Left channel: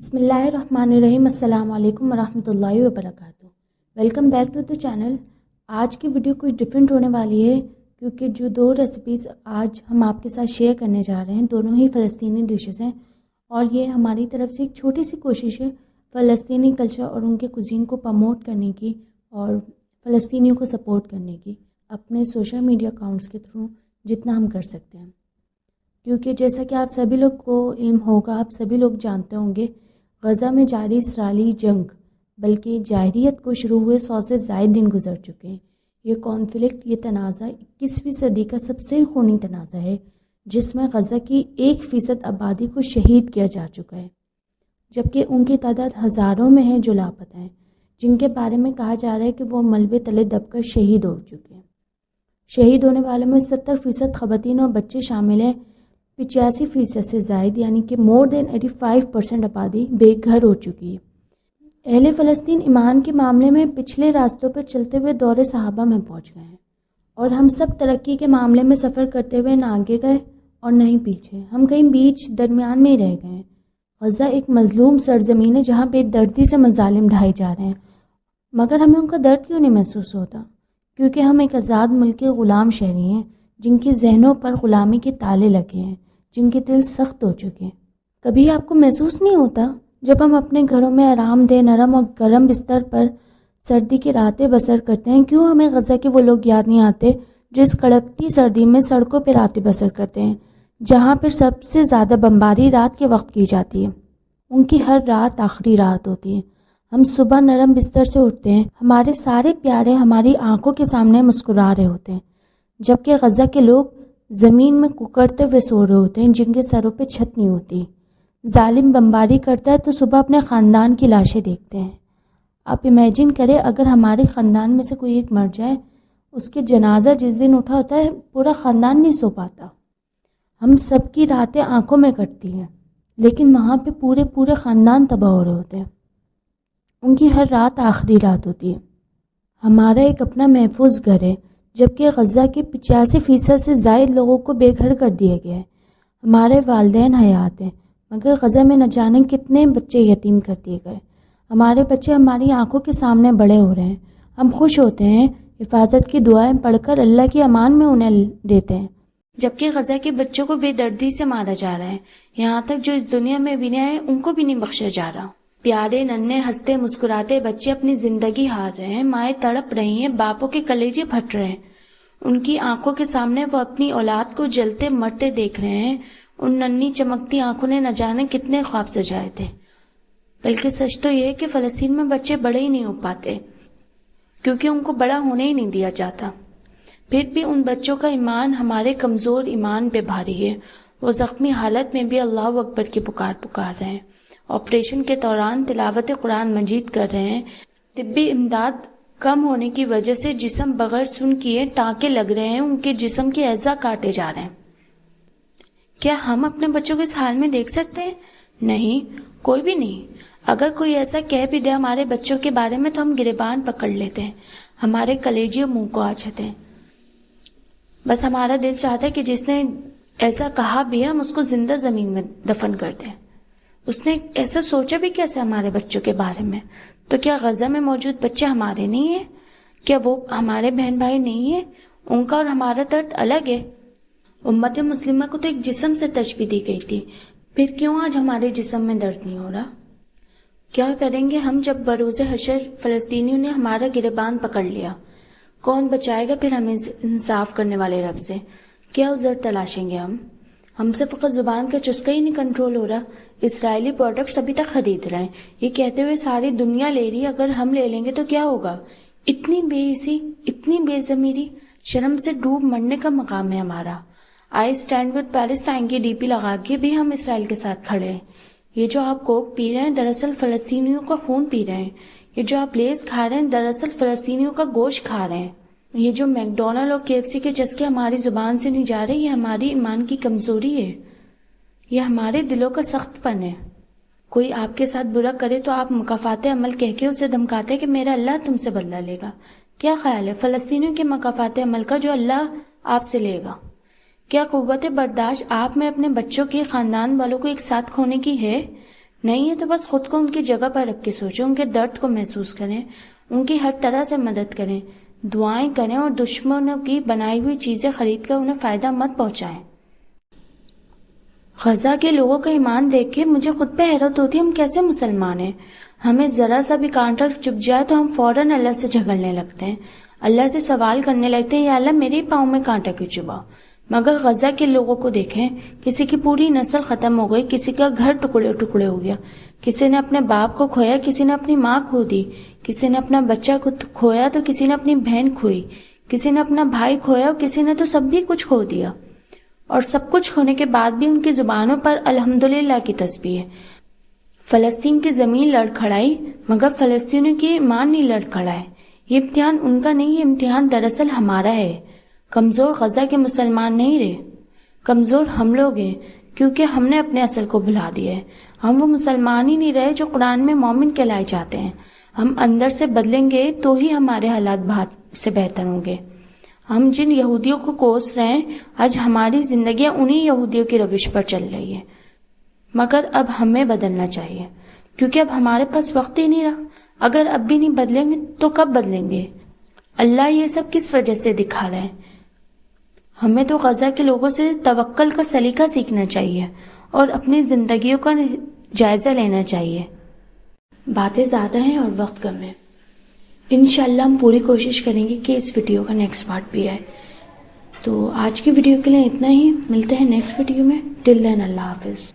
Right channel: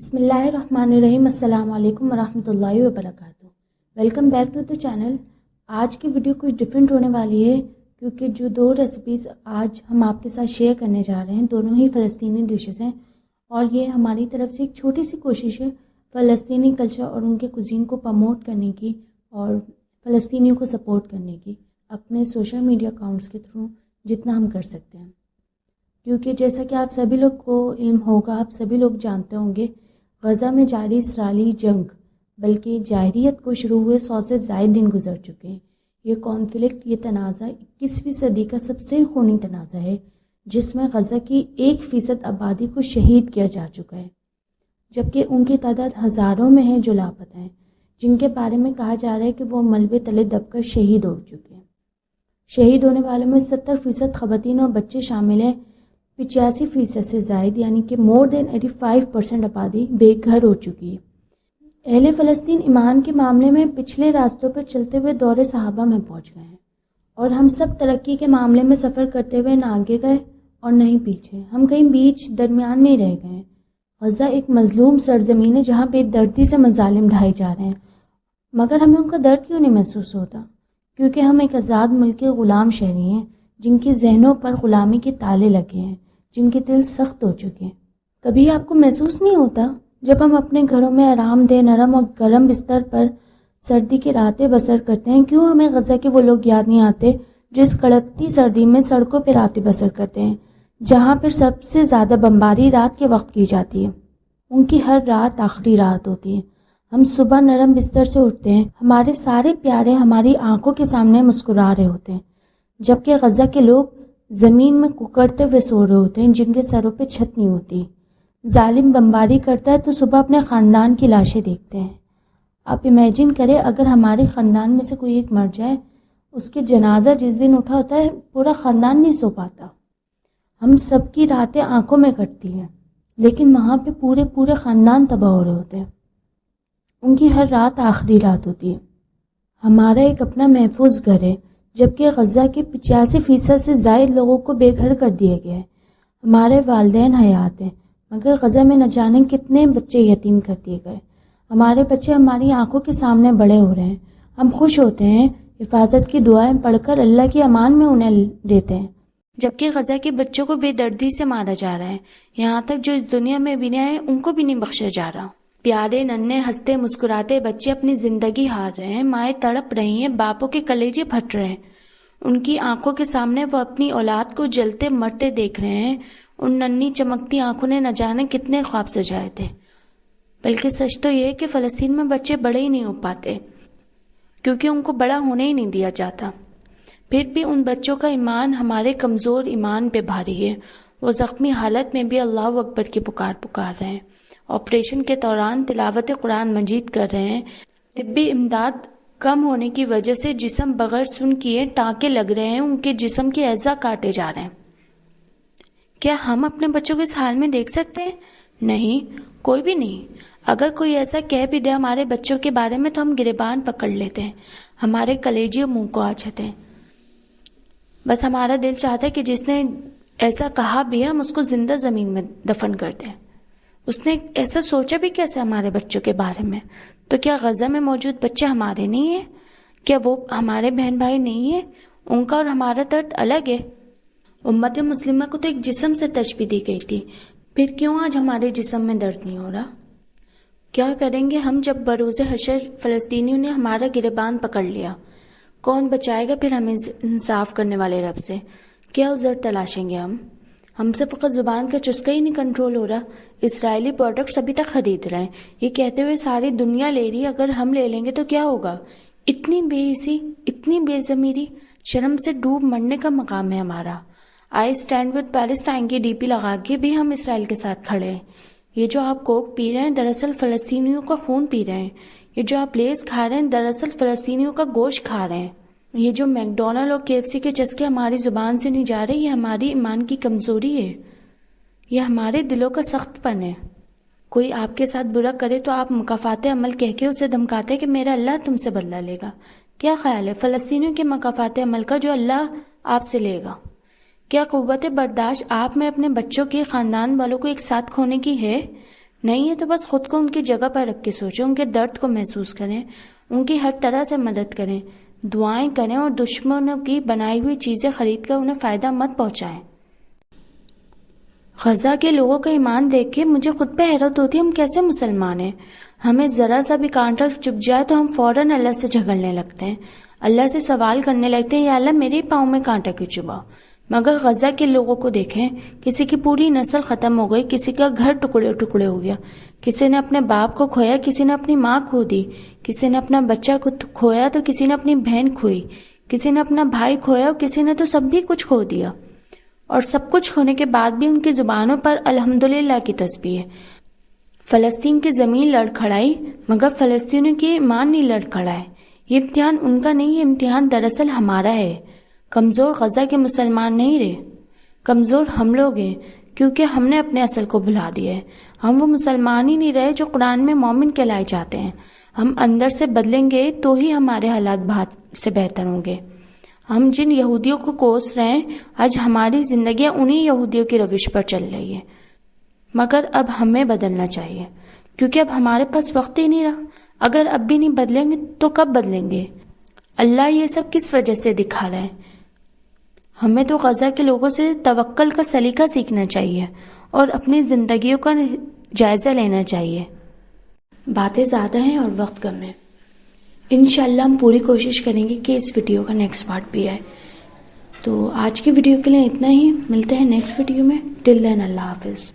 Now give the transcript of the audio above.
بسم اللہ الرحمن الرحیم۔ السلام علیکم ورحمۃ اللہ وبرکاتہ۔ Welcome back to the channel. آج کی ویڈیو کچھ ڈفرینٹ ہونے والی ہے کیونکہ جو دو ریسیپیز آج ہم آپ کے ساتھ شیئر کرنے جا رہے ہیں دونوں ہی فلسطینی ڈشز ہیں، اور یہ ہماری طرف سے ایک چھوٹی سی کوشش ہے فلسطینی کلچر اور ان کے کوزین کو پروموٹ کرنے کی اور فلسطینیوں کو سپورٹ کرنے کی اپنے سوشل میڈیا اکاؤنٹس کے تھرو جتنا ہم کر سکتے ہیں، کیونکہ جیسا کہ آپ سبھی لوگ کو علم ہوگا، آپ سبھی لوگ جانتے ہوں گے، غزہ میں جاری اسرائیلی جنگ بلکہ جاہلیت کو شروع ہوئے 100 سے زائد دن گزر چکے ہیں۔ یہ کانفلکٹ، یہ تنازع 21ویں صدی کا سب سے خونی تنازع ہے جس میں غزہ کی 1% آبادی کو شہید کیا جا چکا ہے، جبکہ ان کی تعداد ہزاروں میں ہے جو لاپتہ ہیں، جن کے بارے میں کہا جا رہا ہے کہ وہ ملبے تلے دب کر شہید ہو چکے ہیں۔ شہید ہونے والوں میں 70% خواتین اور بچے شامل ہیں۔ 85% سے زائد یعنی کہ مور دین 85% آبادی بے گھر ہو چکی ہے۔ اہل فلسطین ایمان کے معاملے میں پچھلے راستوں پر چلتے ہوئے دور صحابہ میں پہنچ گئے ہیں، اور ہم سب ترقی کے معاملے میں سفر کرتے ہوئے نہ آگے گئے اور نہ ہی پیچھے، ہم کہیں بیچ درمیان میں ہی رہ گئے ہیں۔ غزہ ایک مظلوم سرزمین ہے جہاں بے دردی سے مظالم ڈھائے جا رہے ہیں، مگر ہمیں ان کا درد کیوں نہیں محسوس ہوتا؟ کیونکہ ہم ایک آزاد ملک کے غلام شہری ہیں جن کے ذہنوں پر غلامی کے تالے لگے ہیں، جن کے دل سخت ہو چکے ہیں۔ کبھی آپ کو محسوس نہیں ہوتا جب ہم اپنے گھروں میں آرام دہ نرم اور گرم بستر پر سردی کی راتیں بسر کرتے ہیں، کیوں ہمیں غزہ کے وہ لوگ یاد نہیں آتے جس کڑکتی سردی میں سڑکوں پہ راتیں بسر کرتے ہیں، جہاں پر سب سے زیادہ بمباری رات کے وقت کی جاتی ہے؟ ان کی ہر رات آخری رات ہوتی ہے۔ ہم صبح نرم بستر سے اٹھتے ہیں، ہمارے سارے پیارے ہماری آنکھوں کے سامنے مسکرا رہے ہوتے ہیں، جبکہ غزہ کے لوگ زمین میں ککڑتے ہوئے سو رہے ہوتے ہیں جن کے سروں پہ چھت نہیں ہوتی۔ ظالم بمباری کرتا ہے تو صبح اپنے خاندان کی لاشیں دیکھتے ہیں۔ آپ امیجن کریں اگر ہمارے خاندان میں سے کوئی ایک مر جائے، اس کے جنازہ جس دن اٹھا ہوتا ہے پورا خاندان نہیں سو پاتا۔ ہم سب کی راتیں آنکھوں میں کٹتی ہیں، لیکن وہاں پہ پورے خاندان تباہ ہو رہے ہوتے ہیں۔ ان کی ہر رات آخری رات ہوتی ہے۔ ہمارا ایک اپنا محفوظ گھر ہے، جبکہ غزہ کے 85% سے زائد لوگوں کو بے گھر کر دیا گیا ہے۔ ہمارے والدین حیات ہیں، مگر غزہ میں نہ جانے کتنے بچے یتیم کر دیے گئے۔ ہمارے بچے ہماری آنکھوں کے سامنے بڑے ہو رہے ہیں۔ ہم خوش ہوتے ہیں، حفاظت کی دعائیں پڑھ کر اللہ کی امان میں انہیں دیتے ہیں، جبکہ غزہ کے بچوں کو بے دردی سے مارا جا رہا ہے، یہاں تک جو اس دنیا میں بھی ہیں ان کو بھی نہیں بخشا جا رہا۔ پیارے ننھے ہنستے مسکراتے بچے اپنی زندگی ہار رہے ہیں، مائیں تڑپ رہی ہیں، باپوں کے کلیجے پھٹ رہے ہیں۔ ان کی آنکھوں کے سامنے وہ اپنی اولاد کو جلتے مرتے دیکھ رہے ہیں۔ ان ننھی چمکتی آنکھوں نے نہ جانے کتنے خواب سجائے تھے۔ بلکہ سچ تو یہ ہے کہ فلسطین میں بچے بڑے ہی نہیں ہو پاتے، کیونکہ ان کو بڑا ہونے ہی نہیں دیا جاتا۔ پھر بھی ان بچوں کا ایمان ہمارے کمزور ایمان پہ بھاری ہے۔ وہ زخمی حالت میں بھی اللہ اکبر کی پکار رہے ہیں، آپریشن کے دوران تلاوت قرآن مجید کر رہے ہیں، طبی امداد کم ہونے کی وجہ سے جسم بغیر سن کیے ٹانکے لگ رہے ہیں، ان کے جسم کے اعضاء کاٹے جا رہے ہیں۔ کیا ہم اپنے بچوں کو اس حال میں دیکھ سکتے ہیں؟ نہیں، کوئی بھی نہیں۔ اگر کوئی ایسا کہہ بھی دے ہمارے بچوں کے بارے میں تو ہم گریبان پکڑ لیتے ہیں، ہمارے کلیجے منہ کو آ جاتے ہیں۔ بس ہمارا دل چاہتا ہے کہ جس نے ایسا کہا بھی ہے ہم اس کو زندہ زمین میں دفن کر دیں۔ اس نے ایسا سوچا بھی کیسے ہمارے بچوں کے بارے میں؟ تو کیا غزہ میں موجود بچے ہمارے نہیں ہیں؟ کیا وہ ہمارے بہن بھائی نہیں ہیں؟ ان کا اور ہمارا درد الگ ہے۔ امت مسلمہ کو تو ایک جسم سے تشبیہ دی گئی تھی، پھر کیوں آج ہمارے جسم میں درد نہیں ہو رہا؟ کیا کریں گے ہم جب بروز حشر فلسطینیوں نے ہمارا گریبان پکڑ لیا؟ کون بچائے گا پھر ہمیں انصاف کرنے والے رب سے؟ کیا عذر تلاشیں گے ہم سے فقط زبان کا چسکا ہی نہیں کنٹرول ہو رہا۔ اسرائیلی پروڈکٹس ابھی تک خرید رہے ہیں، یہ کہتے ہوئے ساری دنیا لے رہی ہے، اگر ہم لے لیں گے تو کیا ہوگا؟ اتنی بے عزتی، اتنی بے ضمیری، شرم سے ڈوب مرنے کا مقام ہے ہمارا۔ آئی اسٹینڈ ود پیلسٹائن کی ڈی پی لگا کے بھی ہم اسرائیل کے ساتھ کھڑے ہیں۔ یہ جو آپ کوک پی رہے ہیں دراصل فلسطینیوں کا خون پی رہے ہیں، یہ جو آپ لیز کھا رہے ہیں دراصل فلسطینیوں کا گوشت کھا رہے ہیں۔ یہ جو میک ڈونلڈ اور KFC کے چسکے ہماری زبان سے نہیں جا رہے، یہ ہماری ایمان کی کمزوری ہے، یہ ہمارے دلوں کا سخت پن ہے۔ کوئی آپ کے ساتھ برا کرے تو آپ مکافات عمل کہہ کے اسے دھمکاتے کہ میرا اللہ تم سے بدلہ لے گا۔ کیا خیال ہے فلسطینیوں کے مکافات عمل کا جو اللہ آپ سے لے گا؟ کیا قوت برداشت آپ میں اپنے بچوں کے خاندان والوں کو ایک ساتھ کھونے کی ہے؟ نہیں ہے تو بس خود کو ان کی جگہ پر رکھ کے سوچیں، ان کے درد کو محسوس کریں، ان کی ہر طرح سے مدد کریں، دعائیں کریں اور دشمنوں کی بنائی ہوئی چیزیں خرید کر انہیں فائدہ مت پہنچائیں۔ غزہ کے لوگوں کا ایمان دیکھ کے مجھے خود پہ حیرت ہوتی ہے، ہم کیسے مسلمان ہیں؟ ہمیں ذرا سا بھی کانٹا چبھ جائے تو ہم فوراً اللہ سے جھگڑنے لگتے ہیں، اللہ سے سوال کرنے لگتے ہیں، یا اللہ میرے پاؤں میں کانٹا کیوں چبھا؟ مگر غزہ کے لوگوں کو دیکھیں، کسی کی پوری نسل ختم ہو گئی، کسی کا گھر ٹکڑے ٹکڑے ہو گیا، کسی نے اپنے باپ کو کھویا، کسی نے اپنی ماں کھو دی، کسی نے اپنا بچہ کو کھویا تو کسی نے اپنی بہن کھوئی، کسی نے اپنا بھائی کھویا اور کسی نے تو سب بھی کچھ کھو دیا، اور سب کچھ ہونے کے بعد بھی ان کی زبانوں پر الحمدللہ کی تسبیح ہے۔ فلسطین کی زمین لڑکھڑائی مگر فلسطینیوں کی ایمان نہیں لڑکھڑائے۔ یہ امتحان ان کا نہیں، یہ امتحان دراصل ہمارا ہے۔ کمزور غزہ کے مسلمان نہیں رہے، کمزور ہم لوگ ہیں، کیونکہ ہم نے اپنے اصل کو بھلا دیا ہے۔ ہم وہ مسلمان ہی نہیں رہے جو قرآن میں مومن کہلائے جاتے ہیں۔ ہم اندر سے بدلیں گے تو ہی ہمارے حالات بہت سے بہتر ہوں گے۔ ہم جن یہودیوں کو کوس رہے ہیں، آج ہماری زندگیاں انہی یہودیوں کی روش پر چل رہی ہیں، مگر اب ہمیں بدلنا چاہیے، کیونکہ اب ہمارے پاس وقت ہی نہیں رہا۔ اگر اب بھی نہیں بدلیں گے تو کب بدلیں گے؟ اللہ یہ سب کس وجہ سے دکھا رہا ہے؟ ہمیں تو غزہ کے لوگوں سے توکل کا سلیقہ سیکھنا چاہیے اور اپنی زندگیوں کا جائزہ لینا چاہیے۔ باتیں زیادہ ہیں اور وقت کم ہے، انشاءاللہ ہم پوری کوشش کریں گے کہ اس ویڈیو کا نیکسٹ پارٹ بھی آئے۔ تو آج کی ویڈیو کے لیے اتنا ہی، ملتے ہیں نیکسٹ ویڈیو میں۔ ٹل دین اللہ حافظ۔